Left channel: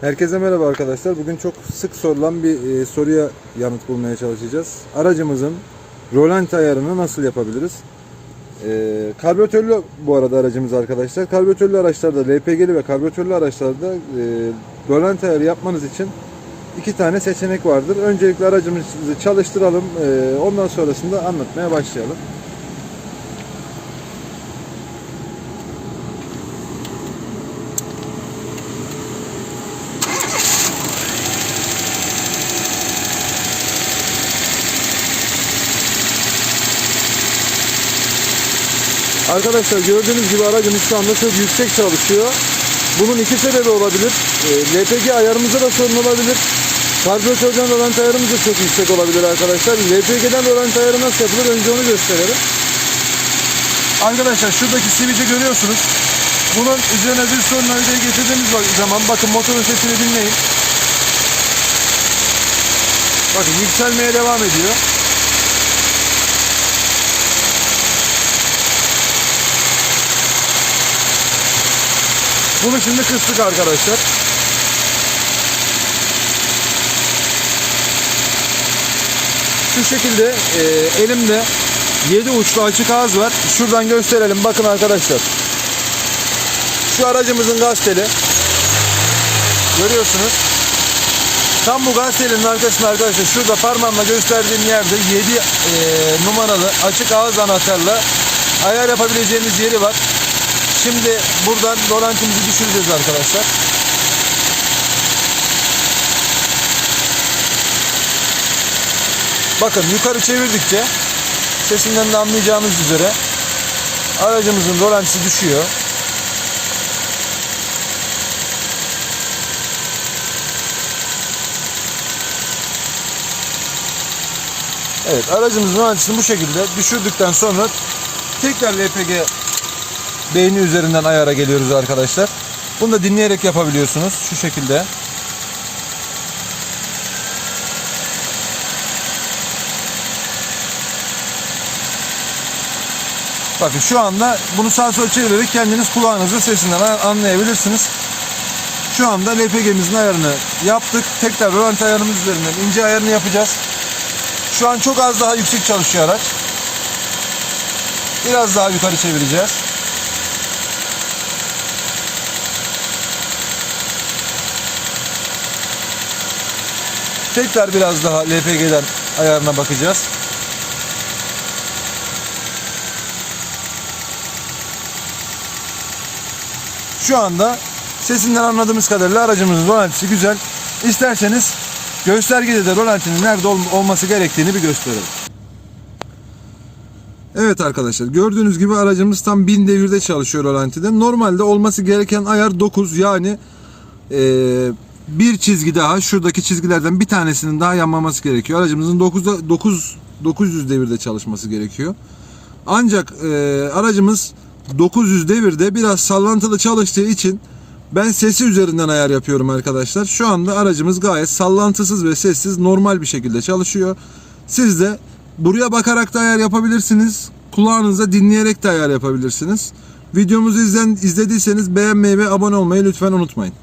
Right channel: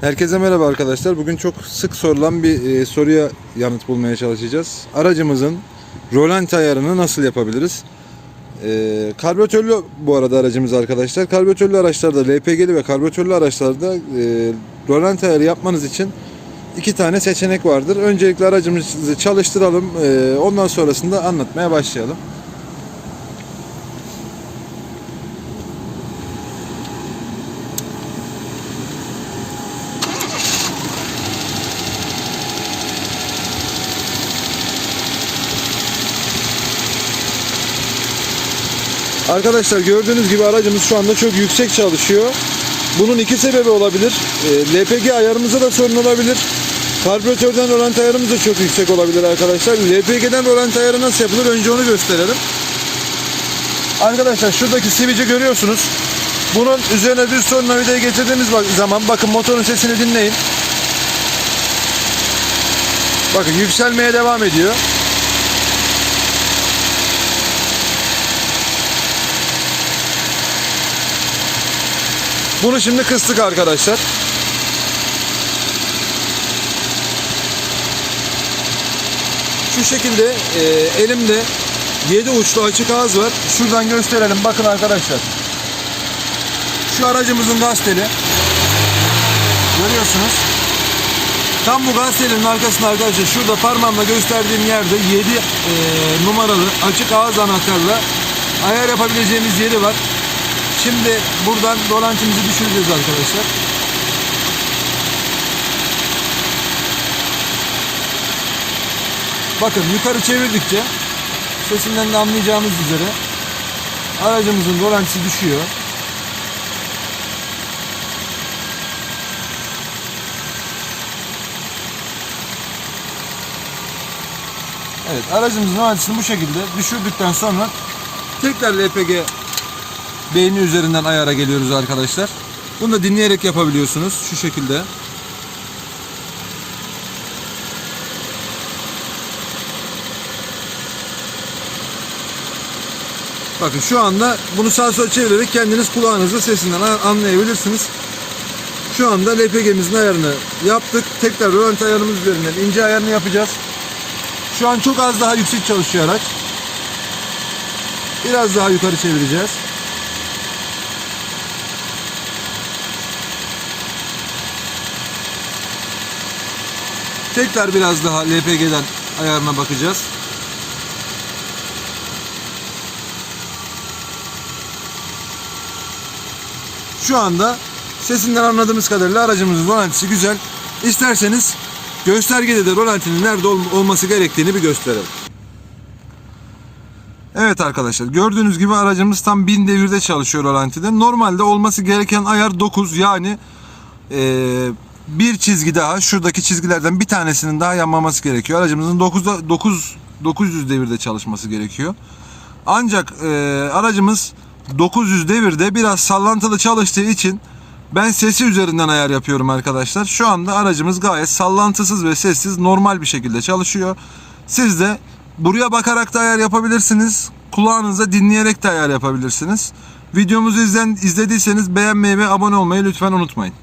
Herkese merhaba arkadaşlar. Bugün çok sık sorulan bir e, soruya yanıt bulmaya çalışacağız. Aracımızın rolant ayarını nasıl yapabiliriz? E, karbüratörlü bu arada aracımız arkadaşlar. Karbüratörlü araçlarda, LPG'li ve karbüratörlü araçlarda e, rolant ayarı yapmanız için iki tane seçenek vardır. Öncelikle aracımızı çalıştıralım. E, ondan sonrasında anlatmaya başlayalım. Arkadaşlar gördüğünüz gibi aracımız şu anda çok yüksek çalışıyor. Bunun iki sebebi olabilir. E, LPG ayarımızda da sorun olabilir. Karbüratörden rolant ayarımız da çok yüksek olabilir arkadaşlar. LPG'den rolant ayarı nasıl yapılır? Önce onu gösterelim. Arkadaşlar şuradaki simici görüyorsunuz. Bunun üzerine düz tornavidayı getirdiğimiz zaman bakın motorun sesini dinleyin. Bakın yükselmeye devam ediyor. Bunu şimdi kıstık arkadaşlar. Şu şekilde e, elimde 7 uçlu açık ağız var. Şuradan gösterelim. Bakın arkadaşlar. Şu aracımızın gaz teli. Görüyorsunuz. Tam bu gaz telinin arkasında arkadaşlar şurada parmağımla gösterdiğim yerde 7 e, numaralı açık ağız anahtarla ayar yapabileceğimiz yeri var. Şimdi buradan rolantimizi düşüreceğiz arkadaşlar. Bakın yukarı çevirdikçe sesinden de anlayacağınız üzere aracımızın rolantisi düşüyor. Evet aracımızın rolantisini bu şekilde düşürdükten sonra tekrar LPG beyni üzerinden ayara geliyoruz arkadaşlar. Bunu da dinleyerek yapabiliyorsunuz şu şekilde. Bakın şu anda bunu sağ sol çevirerek kendiniz kulağınızın sesinden anlayabilirsiniz. Şu anda LPG'mizin ayarını yaptık. Tekrar rolanti ayarımız üzerinden ince ayarını yapacağız. Şu an çok az daha yüksek çalışıyor araç. Biraz daha yukarı çevireceğiz. Tekrar biraz daha LPG'den ayarına bakacağız. Şu anda sesinden anladığımız kadarıyla aracımızın rolantisi güzel. İsterseniz göstergede de rolantinin nerede ol- olması gerektiğini bir gösterelim. Evet arkadaşlar gördüğünüz gibi aracımız tam 1000 devirde çalışıyor rolantide. Normalde olması gereken ayar 9 yani eee, bir çizgi daha şuradaki çizgilerden bir tanesinin daha yanmaması gerekiyor. Aracımızın 9'da 9 900 devirde çalışması gerekiyor. Ancak eee, aracımız 900 devirde biraz sallantılı çalıştığı için ben sesi üzerinden ayar yapıyorum arkadaşlar. Şu anda aracımız gayet sallantısız ve sessiz normal bir şekilde çalışıyor. Siz de buraya bakarak da ayar yapabilirsiniz. Kulağınıza dinleyerek de ayar yapabilirsiniz. Videomuzu izlen, izlediyseniz beğenmeyi ve abone olmayı lütfen unutmayın.